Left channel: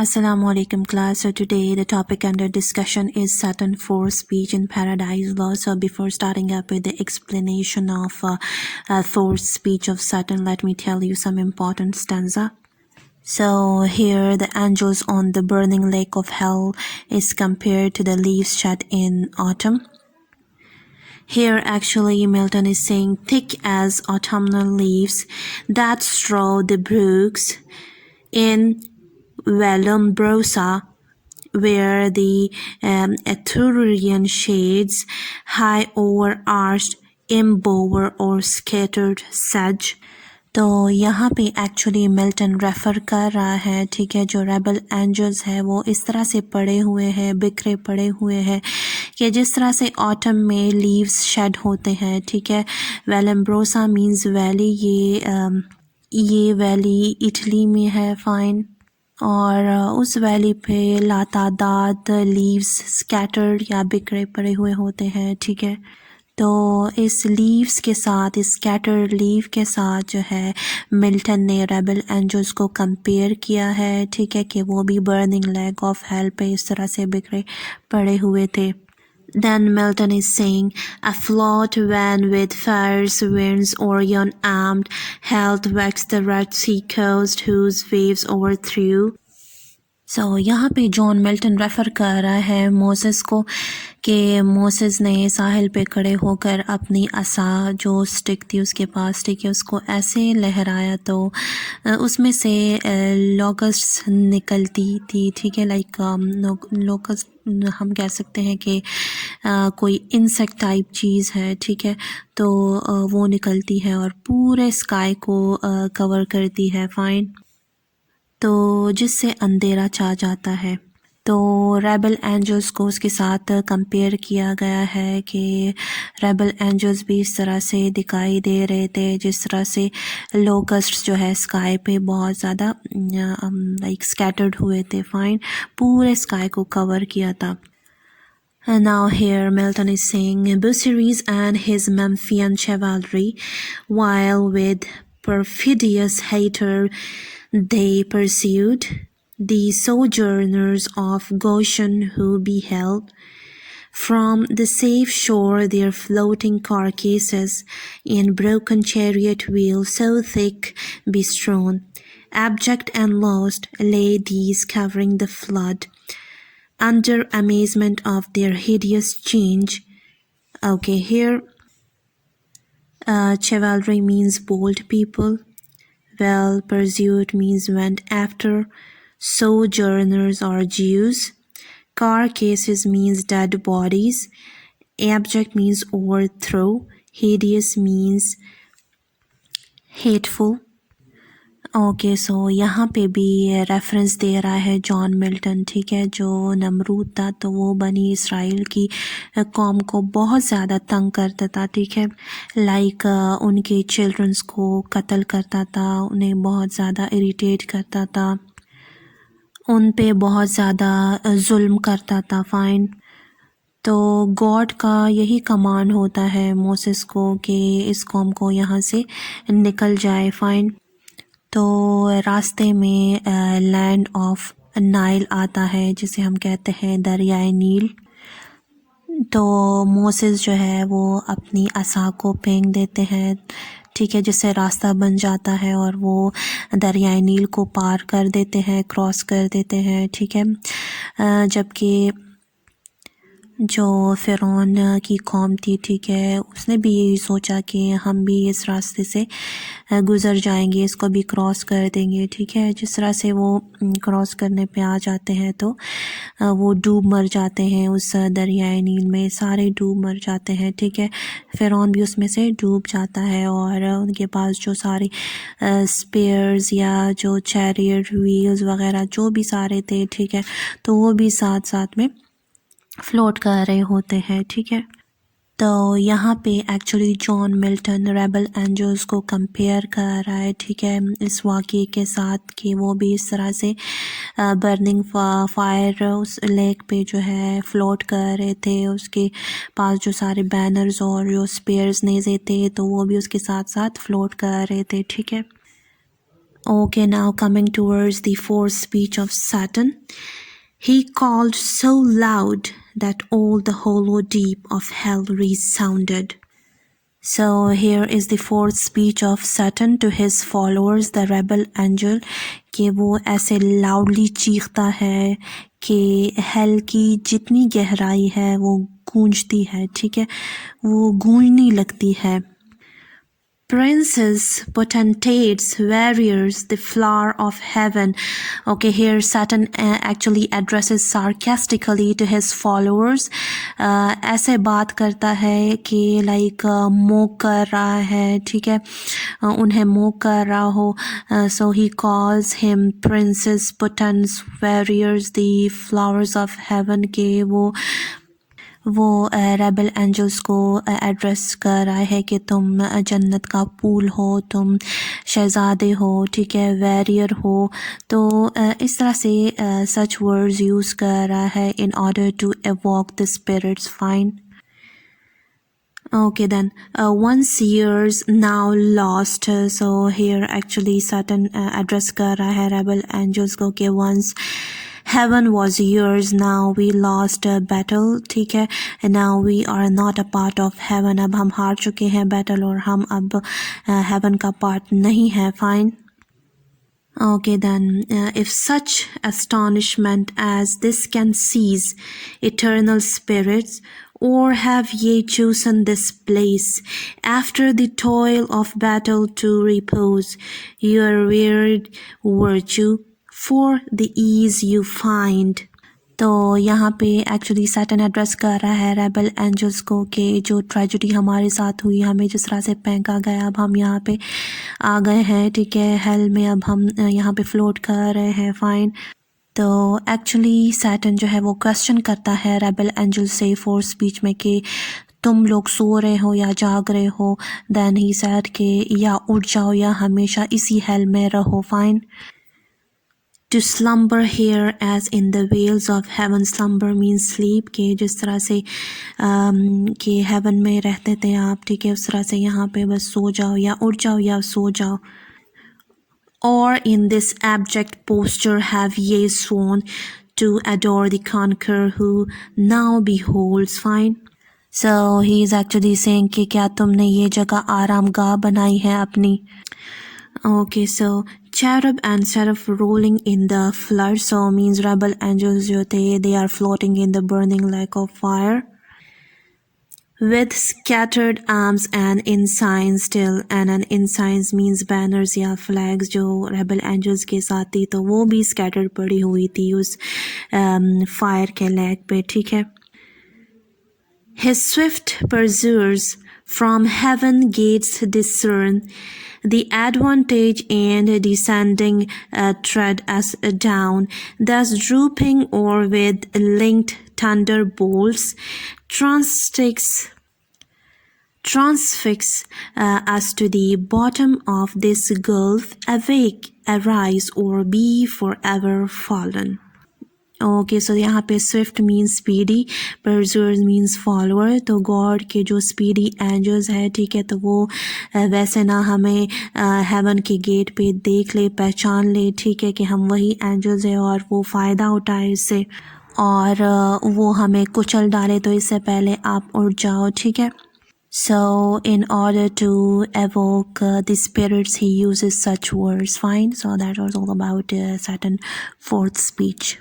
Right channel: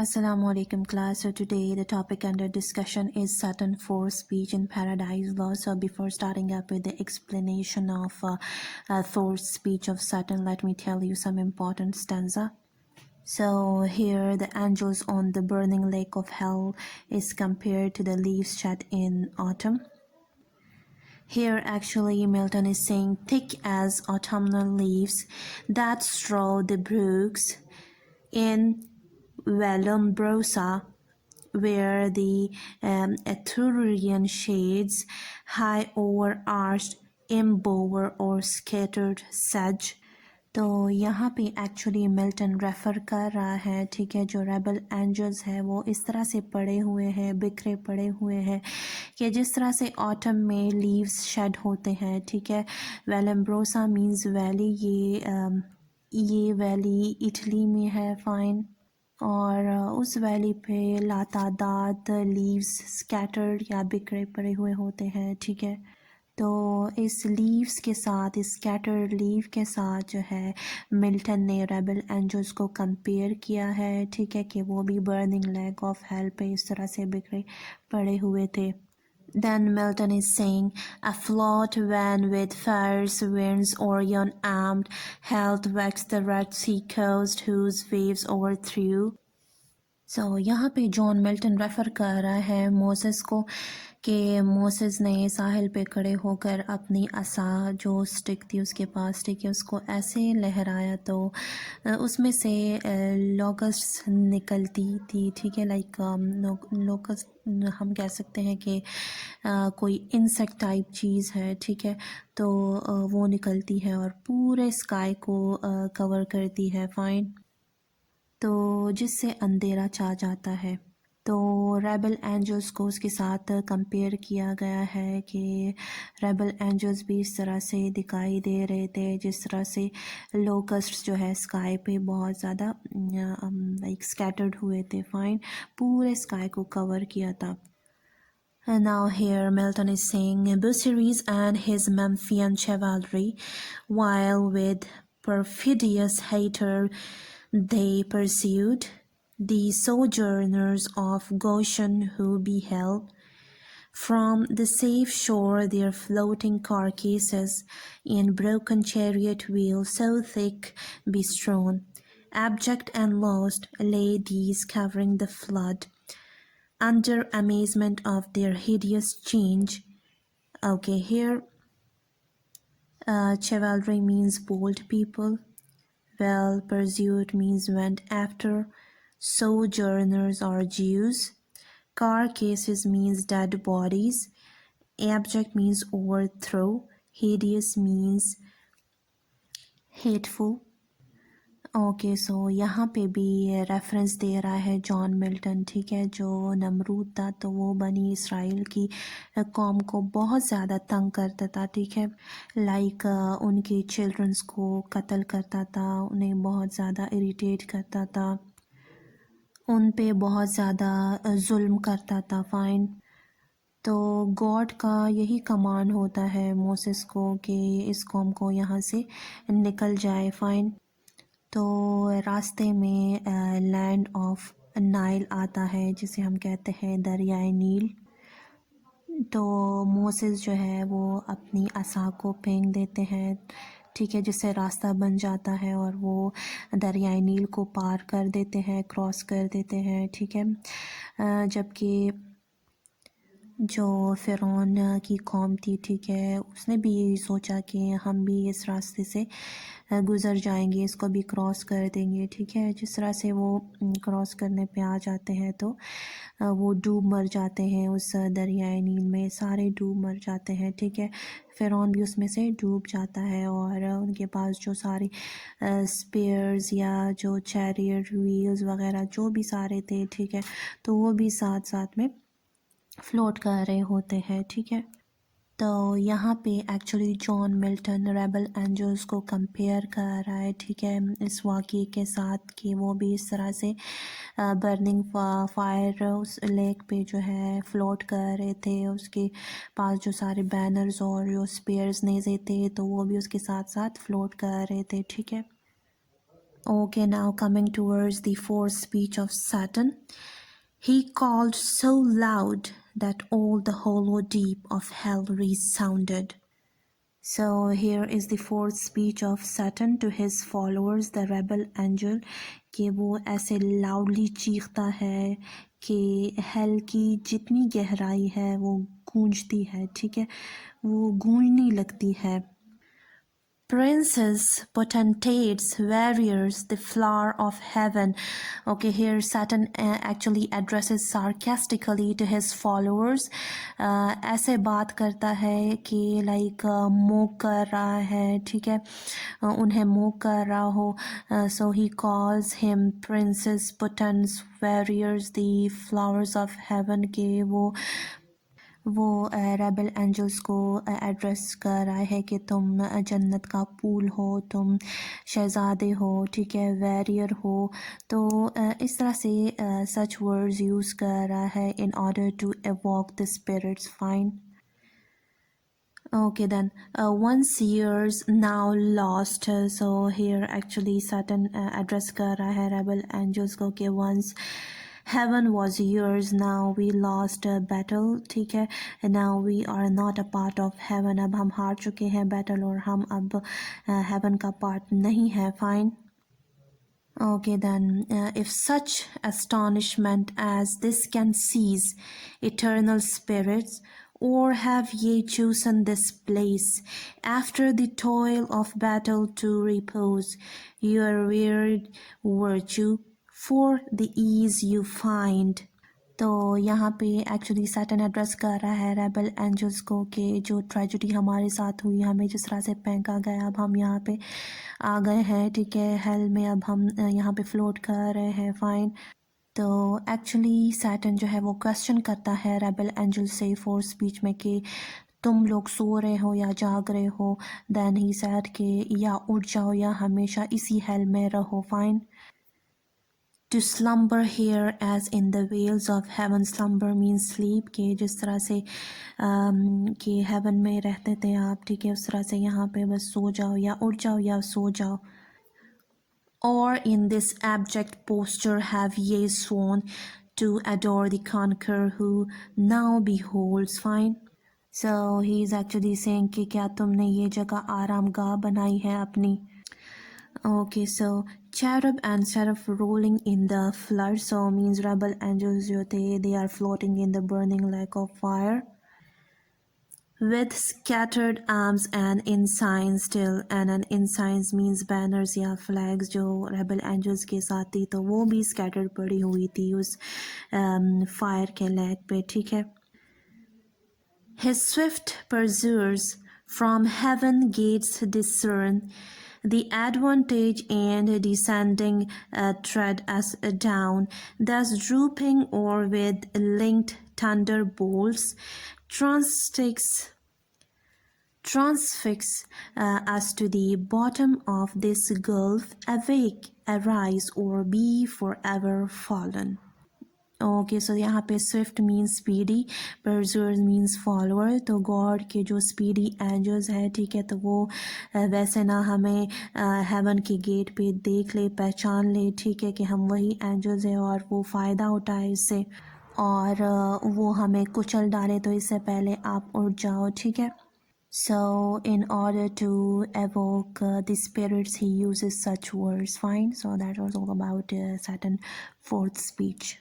Assalamualaikum class. So today the topic under discussion is Saturn 4 speech in paradise law. So before starting up with the explanation of fourth speech of Saturn, let me tell you some important stanza. So here the angels on the burning lake of hell is compared to the leaves shed in autumn. Here actually Milton is saying thick as autumnal leaves that strew the brooks in Vallombrosa, where the Etrurian shades high over arched embower or scattered sedge. तो यहाँ पे actually Milton refer कर रहा है, ठीक है, जो rebel angels है वो इस तरह से पड़े हुए हैं, बिखरे पड़े हुए हैं कि जिस तरह से ऑटम में लीव्स शेड होते हैं, ठीक है। वेलम्ब्रोसा मींस वैली, ये वैली इटली में है, फ़ाइन। और उस वैली पे लातादाद लीव्स स्कैटर्ड या बिखरे पड़े हुए होते हैं, ठीक है। तो इस लीव्स के साथ, इस स्कैटर्ड लीव के साथ जो है मिल्टन ने रेबल एंजल्स को कंपेयर किया है, ठीक है, कि वो भी बर्निंग लेक ऑफ हेल पे इस तरह से बिखरे पड़े हुए थे। Then Milton is saying, afloat when with fierce winds Orion armed, held vexed the Red Sea coast whose waves overthrew. So यहाँ पे जॉन मिल्टन रेफ़र कर रहा है मोसेस को कि मोसेस ने साहिल पे खड़े होकर अपनी असा जो स्टिक थी उसके पास, ठीक है, उसको ऐसे लहराया तो उसमें से लोकस्ट निकलती थी, ठीक है। लाइक लोकस्ट हम कह सकते हैं कि कोई इंसेक्ट टाइप चीज़ है, ठीक है। तो वो निकलती है और पूरे स्काई को कवर करती है, फ़ाइन। तो जिससे अंधेरा छा जाता है। तो रेबल एंजल्स को उसके साथ कंपेयर किया गया है कि रेबल एंजल्स भी इस तरह से दिखाई दे रहे थे जिस तरह से लोकस्ट जो है स्काई पे बहुत ज़्यादा लाइक स्कैटर्ड हुए थे, फाइन, पूरे स्काई को कवर किया था। And now here Milton is saying Busiris and his Memphian chivalry, while with perfidious hater they pursued the sojourners of Goshen, who beheld from the safe shore their floating carcasses in broken chariot wheels so thick bestrewn. Abject and lost lay these covering the flood, under amazement of their hideous change. Okay, here chivalry means bold people, well pursued means went after, sojourners are Jews, carcasses means dead bodies, abject means overthrow, hideous means hateful. Okay, so यहाँ पे भी रेफरेंस दे रहा है John Milton, ठीक है। जो नमरूद था तो वो बनी इसराइल की कौम को बहुत ज़्यादा तंग करता था, ठीक है। लाइक उनके चिल्ड्रंस को कत्ल करता था, उन्हें बहुत ज़्यादा इरिटेट करता था, उन पे बहुत ज़्यादा जुल्म करता था, फ़ाइन। तो गॉड का यही कमांड होता है मोसेस को कि इस कौम को यहाँ से निकल जाए, फ़ाइन। तो रास्ते में लैंड ऑफ नाइल आता है जिसे हम कहते हैं दरियाए नील। तो मोसेस जो है वो अपनी असा को फेंक देते हैं, ठीक है, जिससे रास्ता बन जाता है और वो दरियाए नील को पार कर देते हैं, क्रॉस कर देते हैं, ठीक है। जबकि जो फ़िरौन की कौम थी, ठीक है, उसने भी यही सोचा कि हम भी इस रास्ते से गुज़र जाएंगे, इसको भी क्रॉस कर देंगे, ठीक है। जिस तरह से वो क्रॉस करने पे आ जाते हैं तो वो डूब मर जाते हैं उस दरियाए नील में, सारे डूब मर जाते हैं, ठीक है। फ़िरौन भी उसमें से डूब जाता है और उनके पास जो सारे स्पेयर्स या जो चैरियट व्हील्स वगैरह जो भी सारे थे, ठीक है, तो वो भी साथ साथ में फ्लोट कर रहे होते हैं, ठीक है। तो यहाँ पे actually John Milton rebel angels को कंपेयर कर रहा है, ठीक है, इस वाक़ये के साथ कि वो भी इस तरह से बर्निंग फायर उस लेक पे जो है फ्लोट कर रहे थे, उसके पास जो सारे बैनर्स और जो स्पेयर्स नेज़े थे तो वो भी उसके साथ साथ फ्लोट कर रहे थे, ठीक है। Okay, now coming towards the fourth speech of Saturn. He called so loud that all the hollow deep of hell resounded. So here is the fourth speech of Saturn to his followers, the rebel angel, कि वो ऐसे loudly चीखता है कि hell की जितनी गहराई है वो गूंजती है, ठीक है, वो गूंजने लगती है. Princes, potentates, warriors, the flower of heaven. Okay, here Saturn actually addresses sarcastically to his followers. ऐसे बात करता है कि like मोक कर रहा है, ठीक है, उन्हें मोक कर रहा हो. So he calls him princes, potentates, warriors, the flowers of heaven. के वो रेबल एंजल्स को एड्रेस कर रहा है कि तुम जन्नत का फूल हो, तुम शहज़ादे हो, ठीक है, वैरियर हो. तो इस तरह से सच वर्ड्स यूज़ कर रहा है in order to evoke the spirits. Fine. Okay, then once years now lost. So here actually Saturn address कर रहा है rebel angels को कि once heaven was yours, now we lost a battle, ठीक है, and now we are not a part of heaven. अब हम हार चुके हैं battle और हम अब heaven का part नहीं है. Fine. Okay, then if such astonishment as this can seize eternal spirits, or have ye chosen this place after the toil of battle to repose your wearied virtue for the ease you find. तो यहाँ पे actually Saturn address कर रहा है rebel angels को कि जो ट्रेजेडी हमारे साथ हुई, हमें जिस तरह से फेंका गया, अब हम यहाँ पे आ गए हैं, ठीक है, हेल में अब हम यहाँ पे फ्लोट कर रहे हैं. फाइन. तो एक्चुअली सैटर्न जो है वो क्वेश्चन करता है रेबल एंजल से फोर्थ स्पीच में कि तुम लोग सो रहे हो या जाग रहे हो. देन ही सेड कि या उठ जाओ या हमेशा इसी हेल में रहो. Fine. To slumber here as in the veils of heaven. Slumber means sleep. कि जिस तरह से कि heaven में रहते थे आप, ठीक है, उस तरह से यहाँ पे बस सो जाओ या उठ जाओ या सो जाओ. Or in this abject posture have ye sworn to adore the conqueror who now beholds. Fine. So he is actually saying कि क्या तुमने ये जगह आरामगाह बनाई है अपनी. Okay, so cherub and seraph rolling in the flood. So means rebel angels जो थे, they are floating in the burning lake of fire with scattered arms and ensigns still. And an ensigns means banners या flags जो rebel angels के साथ थी, तो वो भी scattered पड़ी हुई थी उस fire के lake पे, ठीक है. His swift pursuers from heaven gates discern the advantage and descending tread us down, thus drooping or with linked thunderbolts transfix us to the bottom of this gulf. Awake, arise, or be forever fallen. Okay, so यहाँ पे swift means speedy, pursuers means follower. तो God के जो speedy angels है, ठीक है, तो वो वैसे ना हमें हेवन के गेट पे देख ले, पहचान ले, ठीक है, कि हम वही एंजल्स है और वो फ़ायदा उठाए इससे और वो हमें कुचल डाले. तो इससे पहले आप उठ जाओ, ठीक है. So in order to evoke the spirits, he uses such words. Fine. So that was all about Saturn fourth speech.